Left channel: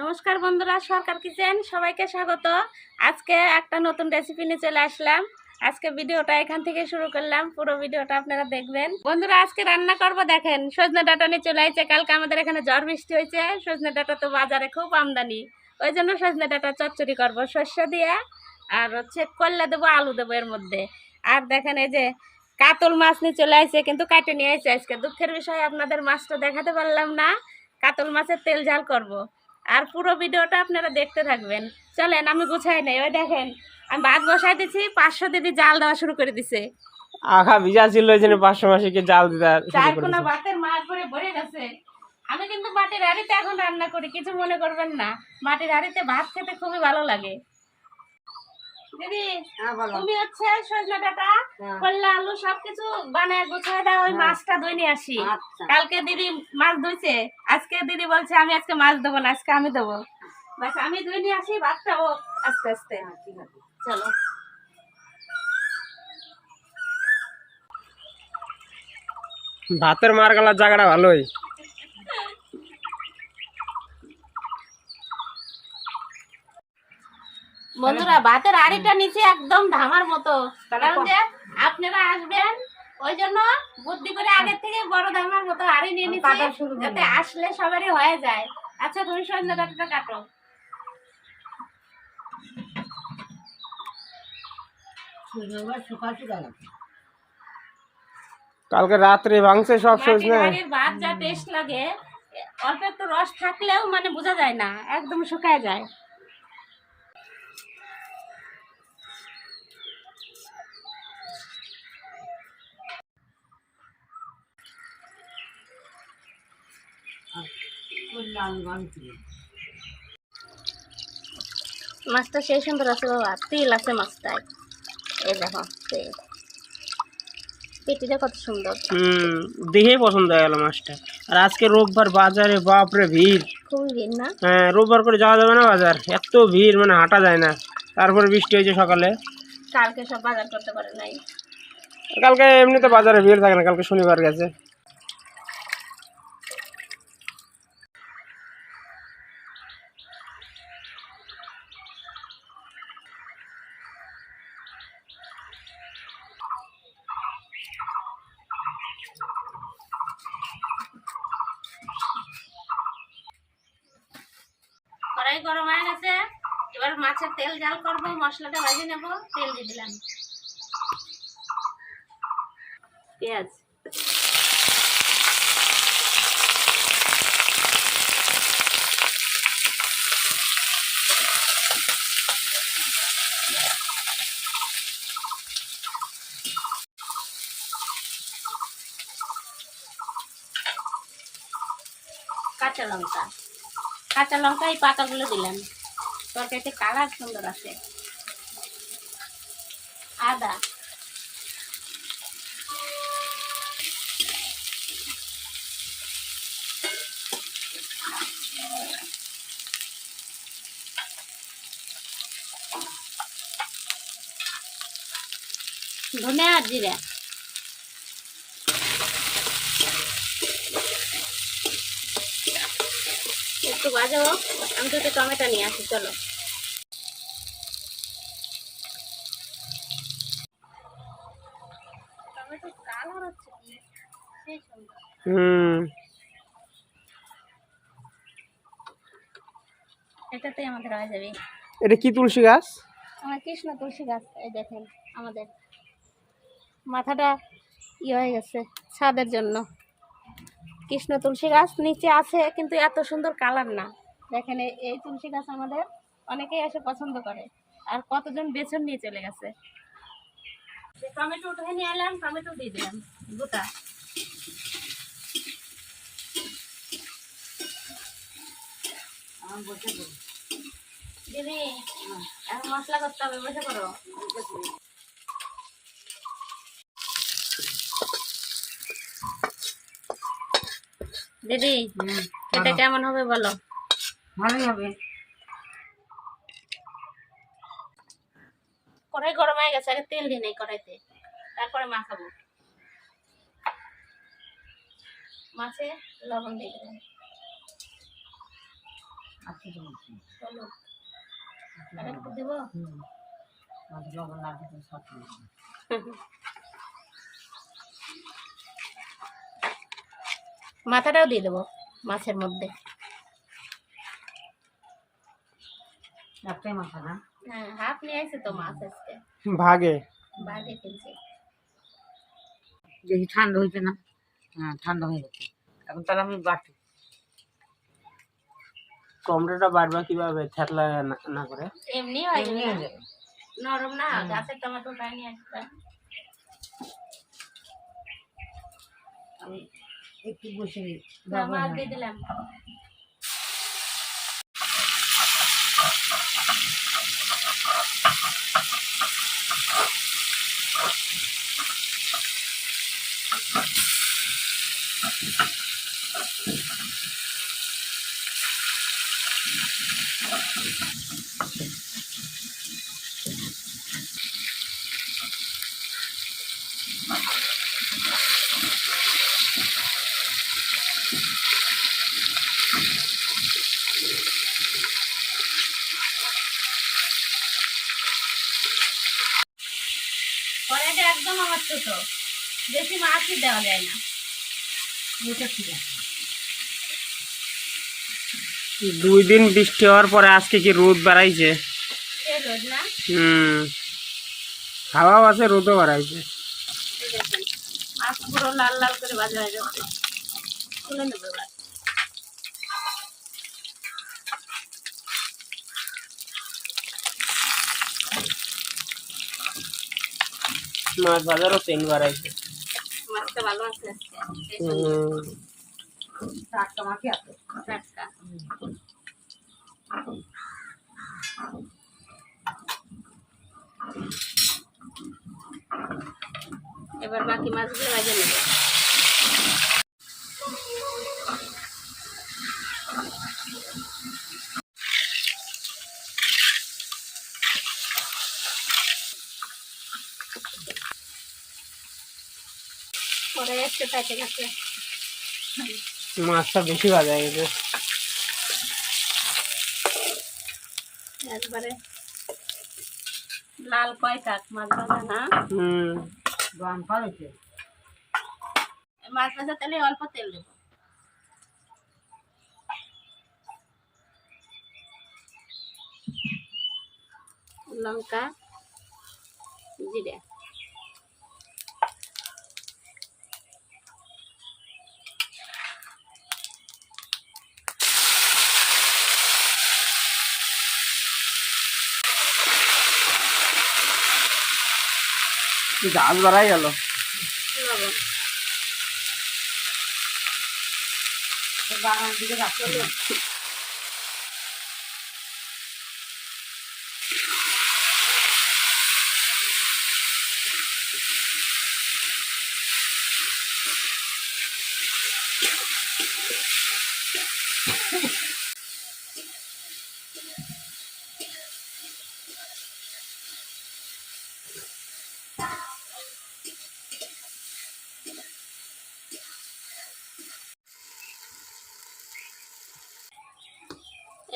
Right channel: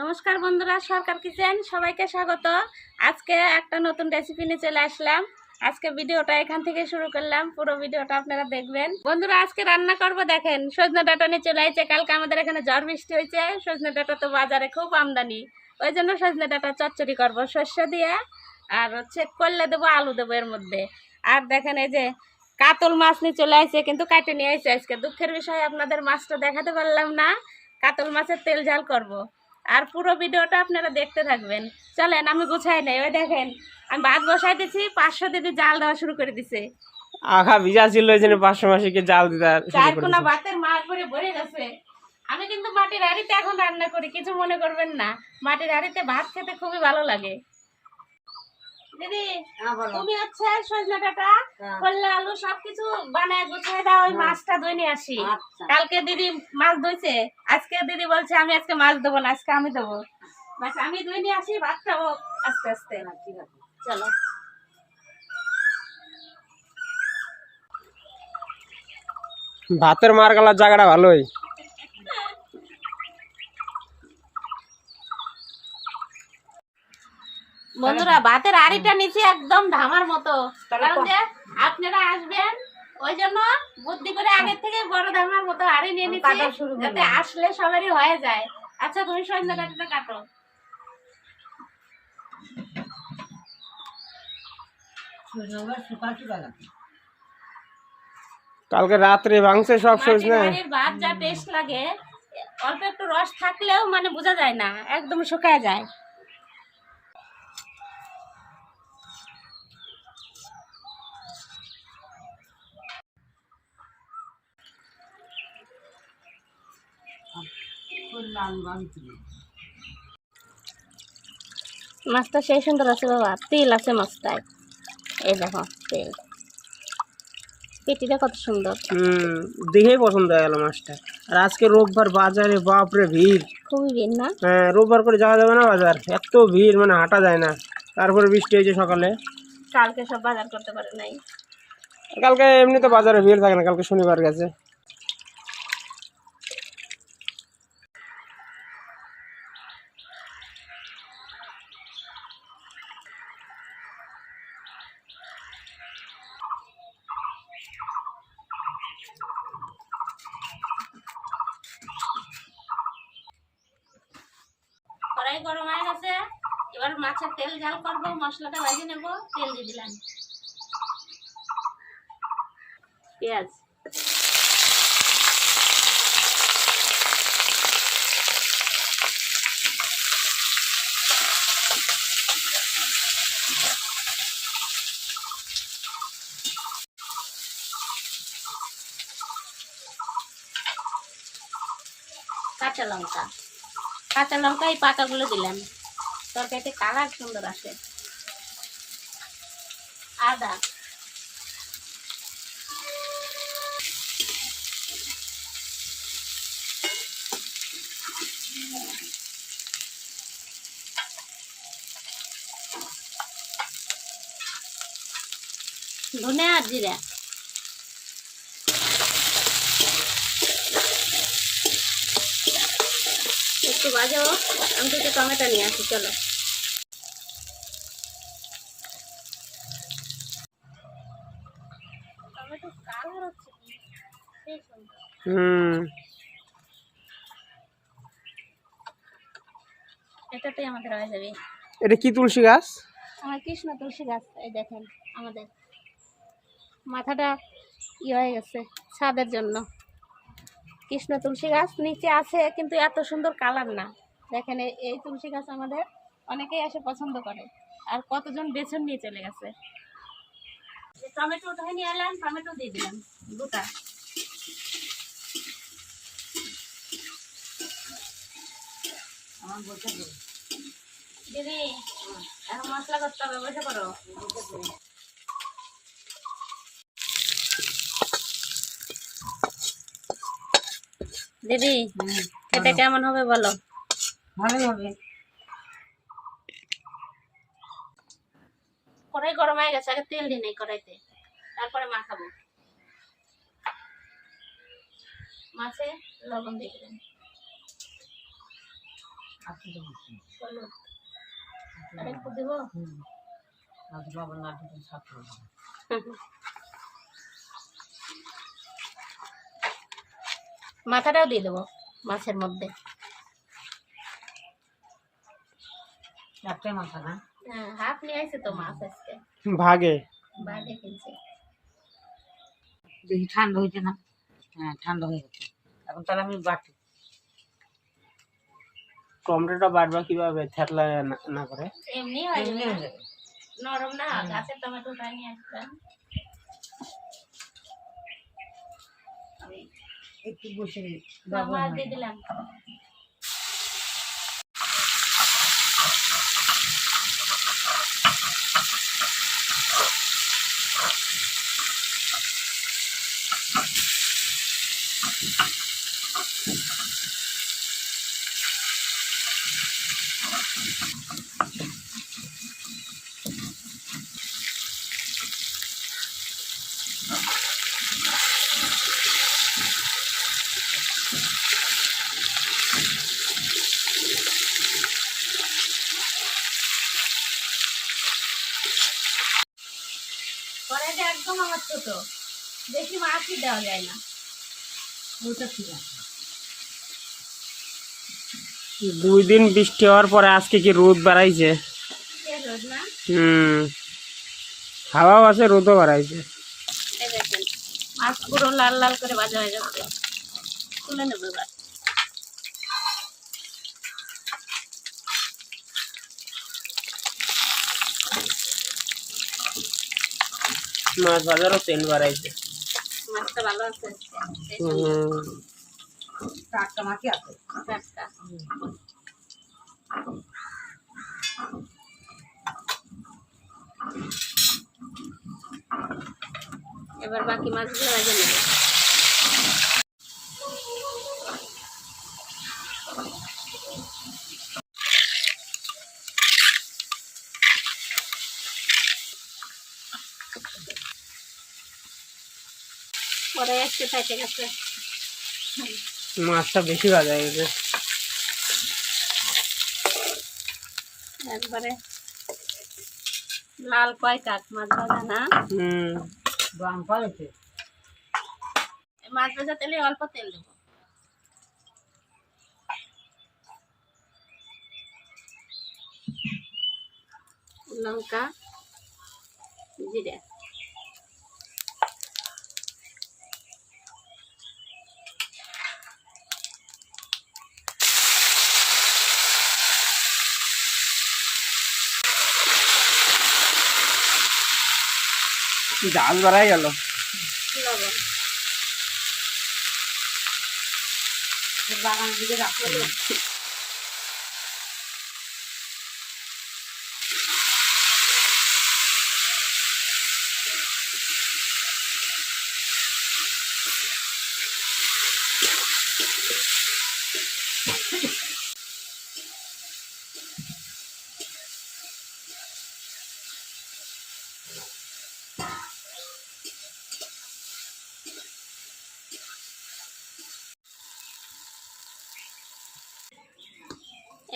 নমস্কার বন্ধুরা, সরকার কিচেন সবাইকে স্বাগত। আজকে একটা নতুন রেসিপি নিয়ে চলে আসলাম। আজকে ভিডিওটা এখান থেকে শুরু করলাম, পুরো ভিডিওটা আপনারা দেখবেন। বন্ধুরা, আজকে রান্না করব, দেখেন সজনে ডাঁটা নিয়ে চলে আসছে। কালকে আমাদের এখানে ঝড় বৃষ্টি হয়েছে, সজনে ডাঁটা তো বাজারে খুব আমদানি, ওই জন্য সজনে ডাঁটা চচ্চড়ি করব সর্ষ দিয়ে, আর হচ্ছে করলে দেবো, আলু দেবো এর মধ্যে। আর দেখেন এই যে কাতল মাছ নিয়ে চলে আসছে, কিন্তু কাটে নিয়ে আসছে। আজকে দুঃখের বিষয়, আপনাদের মাছটা দেখাতে পারলাম না। কাতল মাছের তেল ঝাল করব, আর পুরো ভিডিওটা আপনারা দেখতে থাকবেন। চলেন, আমি গুছাই নাই। ওই দেখেন, আমি ভাত বসাই দিছি, 500 দিদি জাল দেওয়া শুরু করে দিছে। আখা ভিজা ছিল ওই জন্য 500 মাসিকে জাল দিতে শুরু চার করে কোনা দিয়েছে। ভাতের মাছ ভরে ভরে গেছে। আমি কিন্তু মাটির হাঁড়িতে এখন রান্না করি, কিছু মনে করবেন না। মাটির হাঁড়িতে ভাত খেতে খুবই ভালো লাগে। দিদি, তুমি হচ্ছে সজনে ডাঁটা, করলা, আলু সবকিছু বানায় গুছায় দাও, ওই মাছটা ধুয়ে নিয়ে আসি। কালকে দিদি মাছ ধুইছে, আজকে দিদি বলছে আমি আজকে মাছ দেবো না, আজকে আমি দেবো। বাস আমি ধুয়ে নিয়ে আসি, ভাতটা হোক আস্তে আস্তে। ঠিক আছে, চলো। ভাতের মার গালার জায়গাটা ভালোই। বন্ধুরা, ভাতের আড়িটা নিচে একদম ধামার মতো, কারণ যে আপনারা আসবেন, ওই জন্য বুদ্ধি করে আগের থেকে বড় ধামার মতো আড়ি নিয়ে নিচ্ছি, যাতে আসলে সবারই হয়ে যায়। আচ্ছা, তুমি সজনে ডাঁটাটা কাটো। কালকে রাত্রে ভাঙছে সব সজনে। মাটির ভাত যা টেস্ট লাগে, অল্প একটু রস থাকলেও মানে বোঝা যায় না, একদম শুকায় যায়। মাছটা সেই সুন্দর আছে বাবা, তেল আছে মাছটায়। এই দেখো তেল, পেটিটা কত সুন্দর। দেখেই পছন্দ হয়ে গেল মাছটা। আর আজকে রোববার, বাজারে বাপরে ভিড়, খুবই ভিড় না? হ্যাঁ, রোববার করে যাওয়া যাবে না বাজার, এত ভিড় মানে হাঁটা যায় না। তারপরে বৃষ্টি হয়েছে সকালে। কালকে সব বাজার করতে পারে নাই। কালকে এমনিতে বাজারে ভিড় থাকে না, কালকে শনিবার গেছে। কড়াই গরম হয়ে গেছে, এবার মাছের তেল ঝাল করবো, মশলাটা ভেজে নেব। তেল দিয়ে দিলাম, পেঁয়াজ, কাঁচা লঙ্কা। কাঁচা লঙ্কা এই পাতাগুলো দিলাম, তরকারিতে কালার সুন্দর আসে। আদা, ধনে আর জিরা। একটু বাজাও, আমি দুটো টমেটো নিয়ে আসি, চলো। টমেটো কালার হচ্ছে কি সেই সুন্দর। এটাতেই আমাদের হয়ে যাবে। এটা কি তুলসী গাছ? আমার কৃষ্ণ তুলসী গাছ। এই দেখেন, আমাদের মাথাটা ইয়ে হয়ে গেছে ছাদের জন্য। কৃষ্ণ তুলসী গাছ নিচে আছে, কিন্তু এত সুন্দর কালার না। দেখেন, এই তুলসী গাছ আমাদের অনেকেই এসে পছন্দ করে, আর কতজন বেছন নিয়ে চলে গেছে। টমেটো উঠে নিয়ে এলাম, টমেটো দিয়ে দিলাম গোটা। দিদি, এখন মশলা করতে হবে, বসে পড়ো। দিদি, খেতে কেমন হবে বলো? ভালোই হবে। কড়াই গরম হয়ে গেছে, আগে তেল দিই নাই কড়াইতে, তারপরে মাখাবো। মাছে লবণ দিয়ে দিলাম, হলুদ আর একটু দেব। মাথাটাও দিয়ে দেবো মাছের মধ্যে। একটাই মাথা না? হ্যাঁ, হাফ নিয়ে আসছে তো মাছ আজকে, ভাগে বাগে কিনছে। দেখি ঠান্ডা হয়েছে না? হ্যাঁ, ঠান্ডা হয়ে গেছে। এখন তাহলে আমি বাটি। টমেটোটা বাড়বা কিভাবে থেতলা না করে? এমনি হয় এমনি হয়ে যাবে। নরম না, গাছের টমেটো তাই নিয়ে আসবেন। আমি একটু বসে নিই। মাছ দিয়ে দিলাম। কড়াইটা একদম আমার ছোট, বেশি মাছই দেওয়া যায় না। এটা ঠিক আছে। 2 দিন বৃষ্টি হওয়ার পরে আজকে কি রোদ বাড়াইছে। সে রোদ না, হাওয়াও আছে, রোদও বাড়াইছে। এই দেখেন মাছ পুরো লাল লাল করে ভাজা হয়ে গেছে। তুলে নেবো এবার। মাছ বাজারও তেল বাড়াইছে। মাছটা ভালো আছে আজকে, সেই হুম, টাটকা মাছই আছে। টাটকা। এবার বাকি মাছগুলো ভেজে নেব। পরে একটু পেটে গেছে, মাছটা বেশি ভাজা হয়ে গেছে। একবারে লাল কয় কাঠ মাছ ভাজা না। গরম করেছে। মাছ ভাজা তেলে অল্প তেল দেবো। লঙ্কা, জিরে, ঝাল বাড়াই গেল। লবণ, বাগান দিকে রাখতে হবে।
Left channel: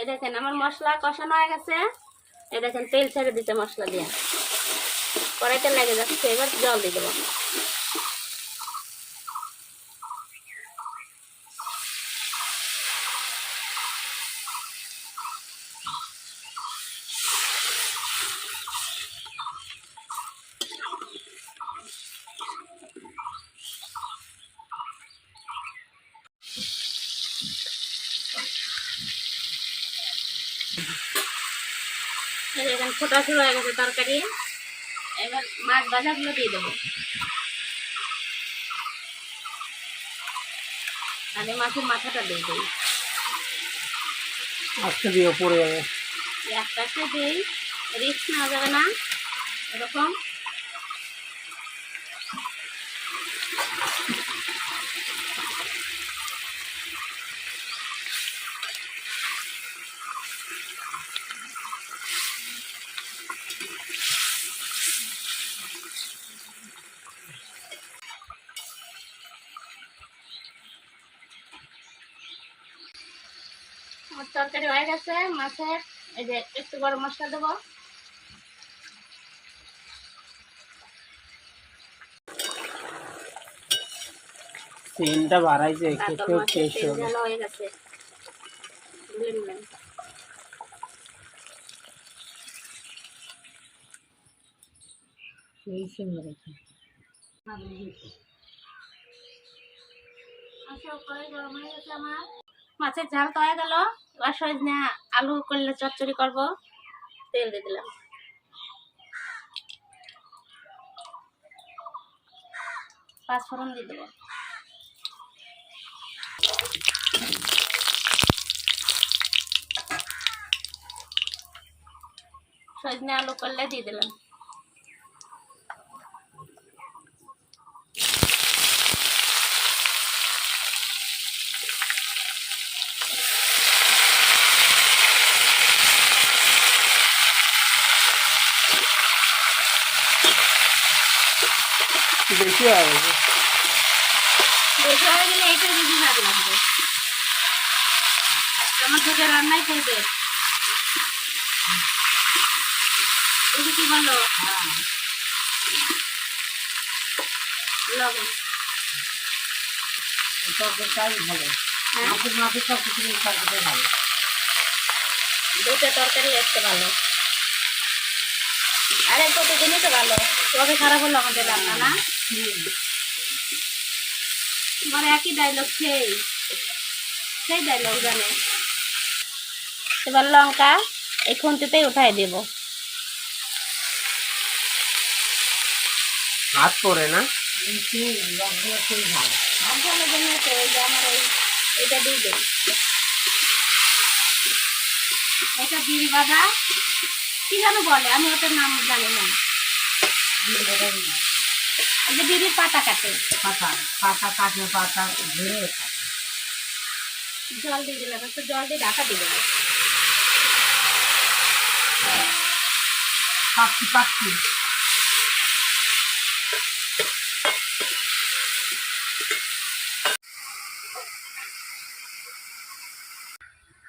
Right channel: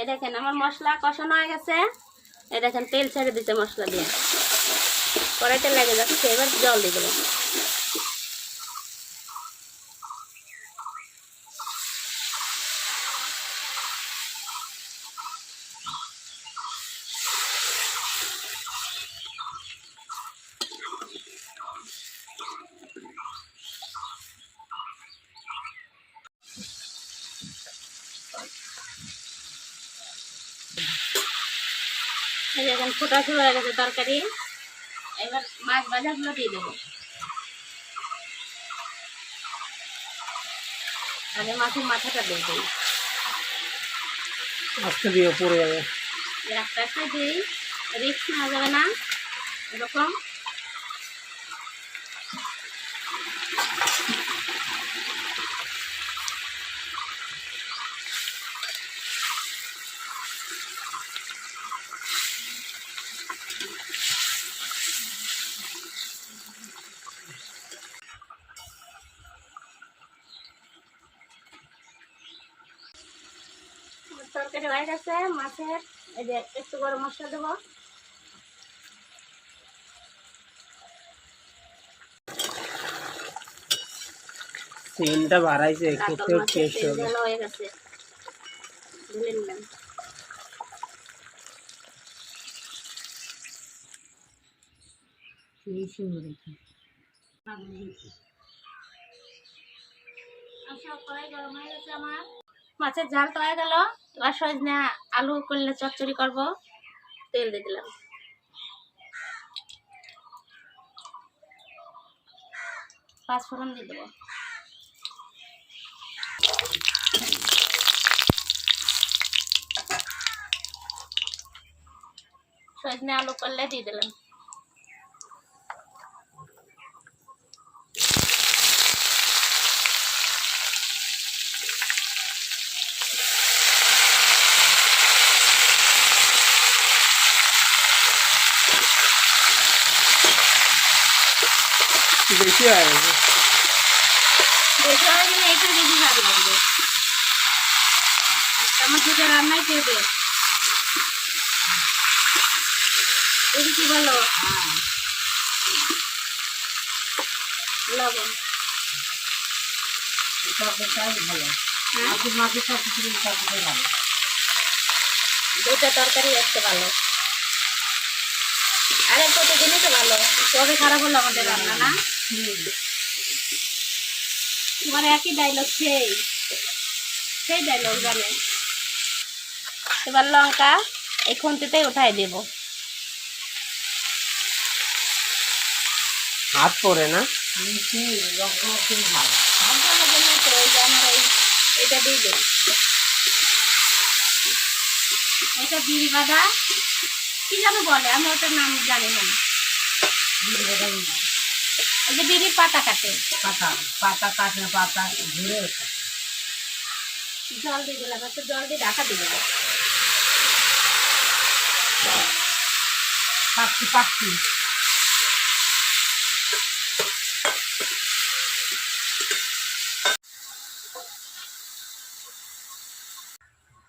এই দেখেন আমার মশলা কষানো হয়ে গেছে। এই দেখেন তেল ছেড়ে দিতে মশলা দিয়ে, কড়াইতে লেগে যাচ্ছে। এবার জল দিয়ে দেবো। এই দেখেন ফোটা শুরু হয়ে গেছে তরকারি। এবার মাছ ভাজাগুলো দিয়ে দেবো। আগে মাছের মাথাটা দিয়ে দিই, আজকে দিয়ে পড়ে যাবে। একটা একটা দিই, রিস্ক নেওয়া যাবে না এরকম। আমার তরকারি তরকারি হয়ে গেছে মাছের। এই যে একটু গরম মশলা দেবো। তেলটা বাড়াইছে, কাতল খেতেও মাছের টেস্ট তেল হবে। ঝাল হয়ে গেছে, ঢেলে নিলাম। এই সিমে রেখে আচ্ছা, কড়াই গরম হয়ে গেছে আমার। মাছের ঝাল তো হয়ে গেল। এবার সজনে আলু করলে চচ্চড়ি করব। তেল দিয়ে দিলাম, পাঁচফোড়ন দিয়ে দেবো। সজনে আলু করলে দিয়ে দিলাম। বেশি হয়ে গেছে। বেশি হয়ে গেলে এইটা বেশি ভালো লাগবে। একটা আমার থেকে রান্নাই খেয়ে দেবে। তুমি কি বলো? লবণ। তরকারিটাই ভালো। হ্যাঁ, মাছের সব কিছু তরকারিটাই ভালো। দুটো তরকারি একটা ভালো, আর একটা তো জিনিসও ভালো। তবে খারাপ হলো আমাদের রান্না না। তোমার একই ডায়লগ, সেই ডায়লগ জানে। এবার লঙ্কা এই খুন্তিতেই উঠাই দেব। হাত পড়ে না? সেই লঙ্কা সেই ভালো। এটা দিয়ে দেব। এটা বিড়ি বাঁধা কি যেন বলে, আমি ওটার নাম জানি না। এই যে বিড়ির পাতা কাটে, পাতা পাতা কাটে, পাতা ঘুরে জল দিয়ে দিলাম, একটু জল দিয়ে ঢাকা দিয়ে দেবো। পাখি পাখি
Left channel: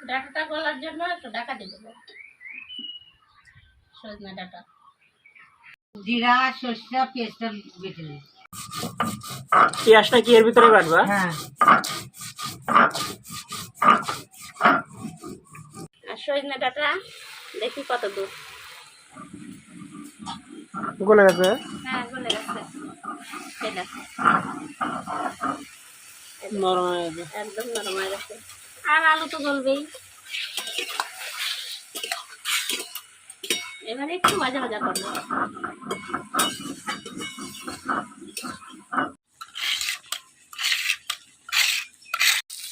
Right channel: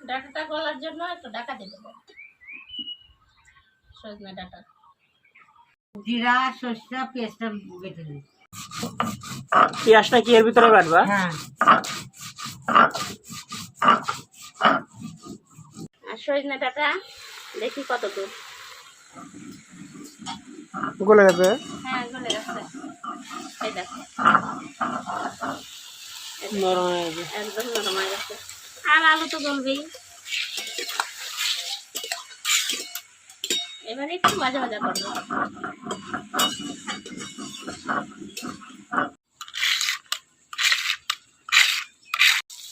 ডাঁটাটা গলার জন্য একটু ঢাকা দিয়ে দেবো। সজনে ডাঁটা, জিরা সর্ষে পেস্টটা বেটে নিই। পেঁয়াজটা কি এর ভিতরে কাটবা? হ্যাঁ, আর সজনে ডাঁটা দেখি কত দূর। গলে গেছে। হ্যাঁ, গলে গেছে। এই দেখো, নরম হয়ে গেছে। একদম নরম হয়ে গেছে। আর আলু তো গলবেই। এবারে একটু ভাজা ভাজা করবো।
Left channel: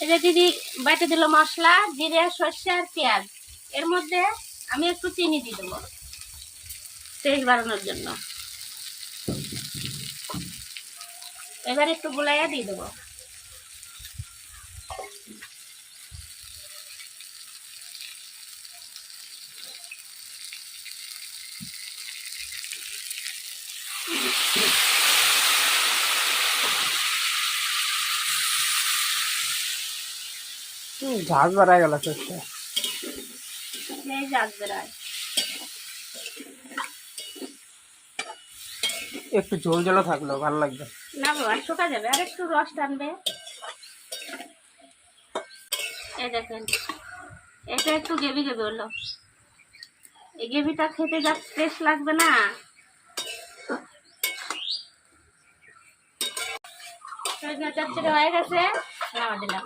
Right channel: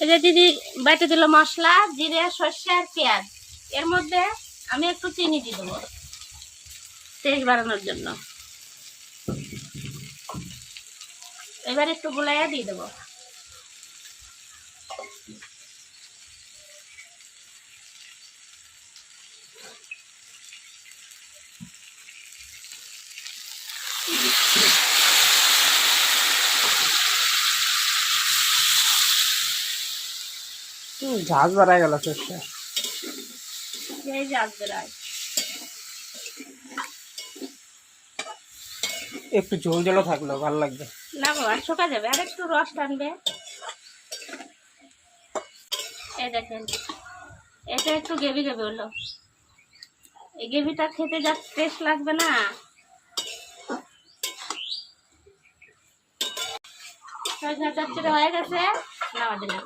এই যে দিদি বেটে দিল মশলা, জিরে সর্ষে আর পেঁয়াজ। এর মধ্যে আমি একটু চিনি দিয়ে দেবো টেস্ট বাড়ানোর জন্য। এবার একটু গুলাইয়া দিয়ে দেবো। ঝাঁজ বাড়ায় গেল সরষে। এই জাগ বেড়ায়। একটু ঝোল ঝোলও থাকলো ভালো লাগবে। না বাবা, শুকা যাবে, আর একটু রস টানবে। এই দেখেন, এটা একটু গেবি গেবি হলো। এই গ্রেভিটা খেতে যা টেস্ট লাগবে না। সজনা চচ্চড়ি হয়ে গেছে, নামা দিলাম।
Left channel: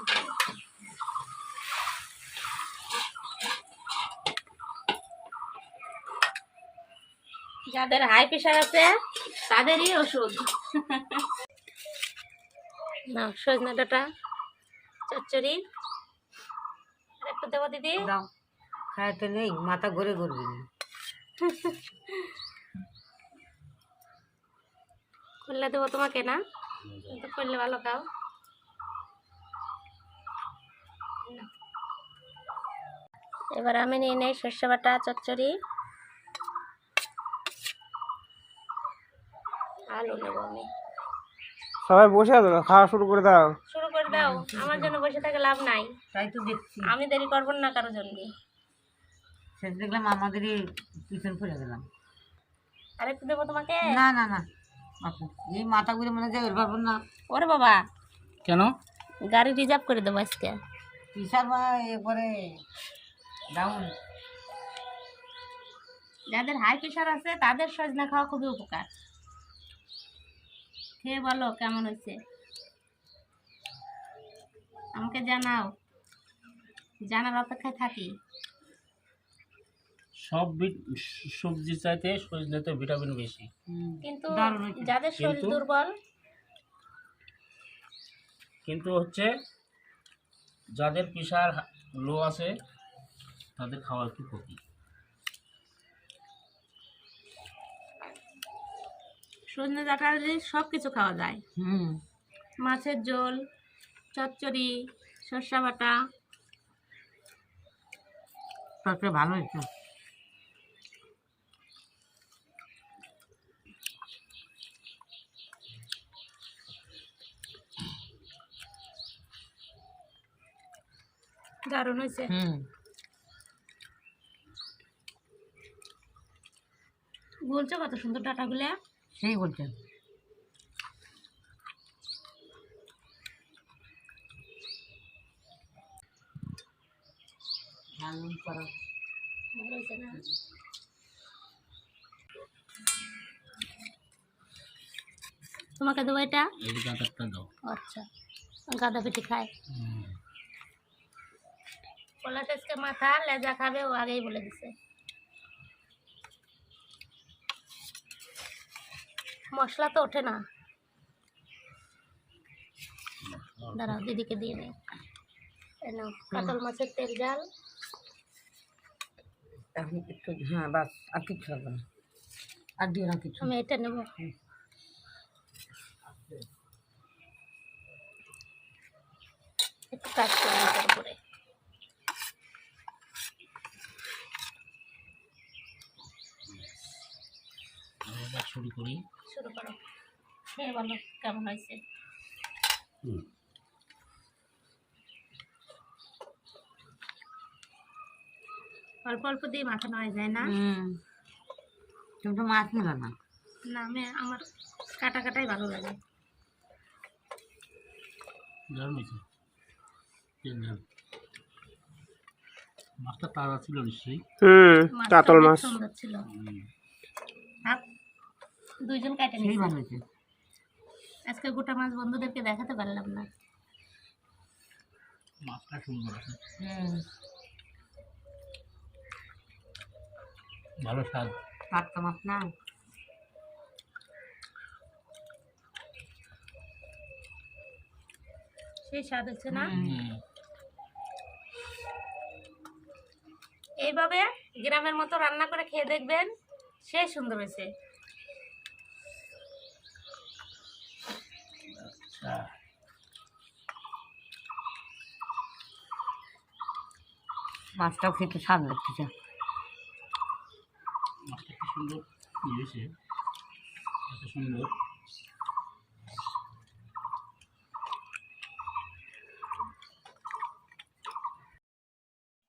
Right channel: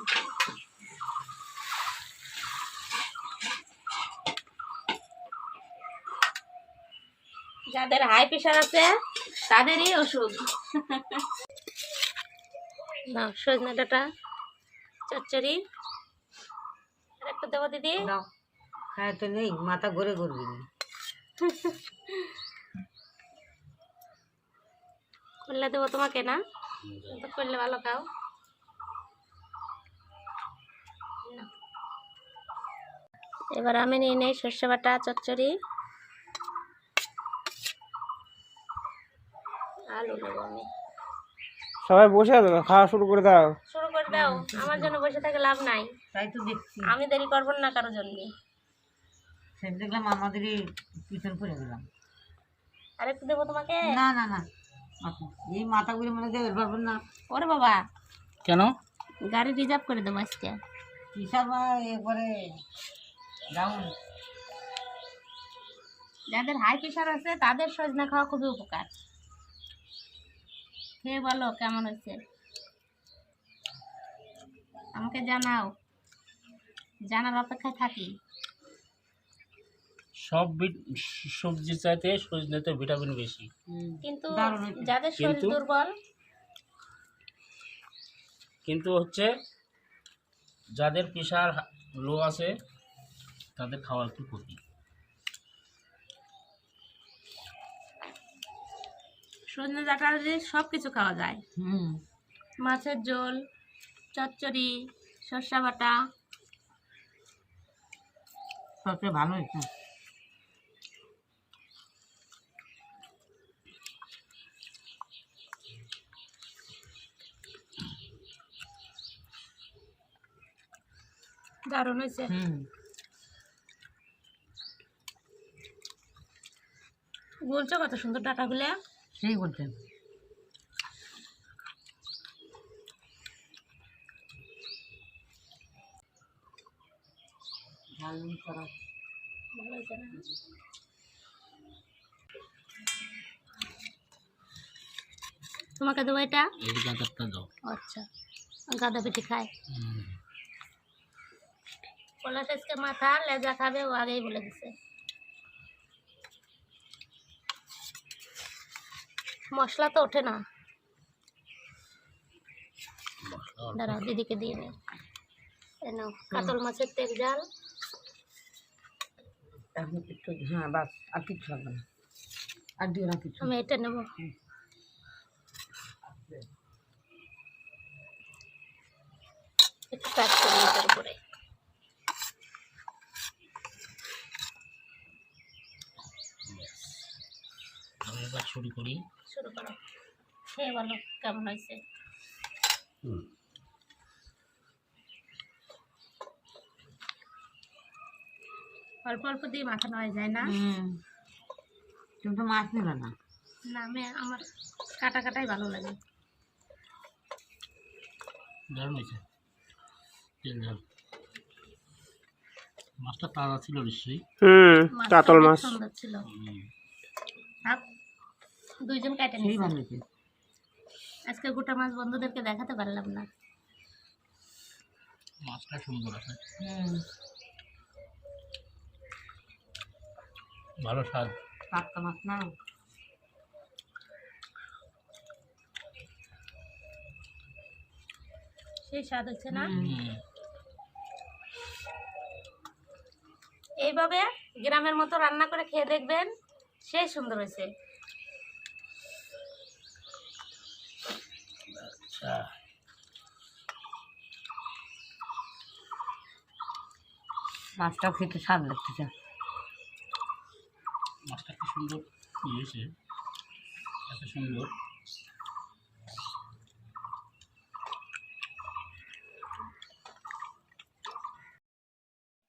যাদের হাই প্রেশার আছে তাদেরই ওষুধ। না, সজনা ডাঁটা চচ্চড়ি আর একটু দেবো দিদি। দাও খাইতে নেই, মাথা ঘুরে ঘুরবি না। করলে দেবো তোমাকে না, তো করলে ভালো খাও। এবার আমি নিয়ে নেই সর্ষে বাটা চচ্চড়ি। আলু নেবো আমি। সবাই বসে আছো, খাওয়া শুরু করে দাও। শুরু করে দাও, আমার জন্য বসে থেকে লাভ নাই। তাই তো দেখছি, আমি দেরি করবো না কারোর জন্য। শেষ দেখলাম আমাদেরই পিছন পড়ে গেলাম। আরেকটু দেবো তোমাকে? না না না, আপু, এই মাথা ঘুরে মনে যায় পারবো না। ওরে বাবা, কেন? গাড়ি রিজার্ভ করে দেবো আজকে। কিসার বা একবারে ডাউন। যাদের হাই প্রেশার আছে তাদের সজনা খাওয়া খুবই উপকার। খেয়ে বলো কেমন হয়েছে, আমাকে জানাও, জানার অপেক্ষায় থাকি। সব সবজি চাইতে সজনেতে ভিটামিন বেশি। কিন্তু দারুণ হয়েছে। যাদের শরীর কিন্তু- দুর্বল, কিন্তু হচ্ছে যাদের প্রেশার লো আছে তাদের খাওয়া একটু ক্ষতি। সজনে ডাঁটা দিয়ে সব কিছু খাওয়া যায়। হুম, মাছের ঝোল, চচ্চড়ি, সর্ষা বাটা। সবচেয়ে ভালো হয়েছে। দারুণ হয়েছে। হুম, বলছো কত সুন্দর ডাঁটাগুলো। সেই বলছেন। ভালো হয়েছে না? তোমাকে দেবো এটা? এই গাঁদারটা দাও। আচ্ছা, গাঁদা পেটি খায়। পলাশ আজকে মাথা লেজা খাবে, ও আগেই বলে দিছে। মশলা তো ওঠে না, দাঁড়া দিদিকে দিয়ে নেই। কাতল মাছের তেল জাল। এখন একটু, হ্যাঁ বাস, আর কিছু লাগবে না, আর দিও না কিছু। আমি এটা নেব। একটু কাজ করি এটার উপরে। আমি এবার শুরু করি। শুরু করো, খেয়ে বলো কেমন হয়েছে। অল্প অল্প দিয়ে মাখানো হয়ে যায় না? তুমি তো মাছ নিবে না। না, আমার কাটা কাটাই ভালো লাগে। দারুণ হয়েছে, তেল ঝাল। মাছটা তাজা ছিল নিশ্চয়ই। মাছটা কাতল অনেক মাছ। সুন্দর ছিল। থাক, দুইজন কাটে সেই নিয়েছে। ভালো হয়েছে। আজকে গোটা মাছ বন্ধুদেরকে দেখাতে পারলাম না। মাছটা সুন্দর আছে, ভালো স্বাদ। টাটকা মাছ না। সেই স্বাদ হচ্ছে না? হুম। এইভাবে গ্রামের মতো রান্না করে খেয়ে দেখবেন, সেই সুন্দর হয়েছে। আচ্ছা, মাছটাও খেতে স্বাদ লাগতেছে। মাছটা কি সুন্দর ইয়ে হয়েছে, এত সুন্দর।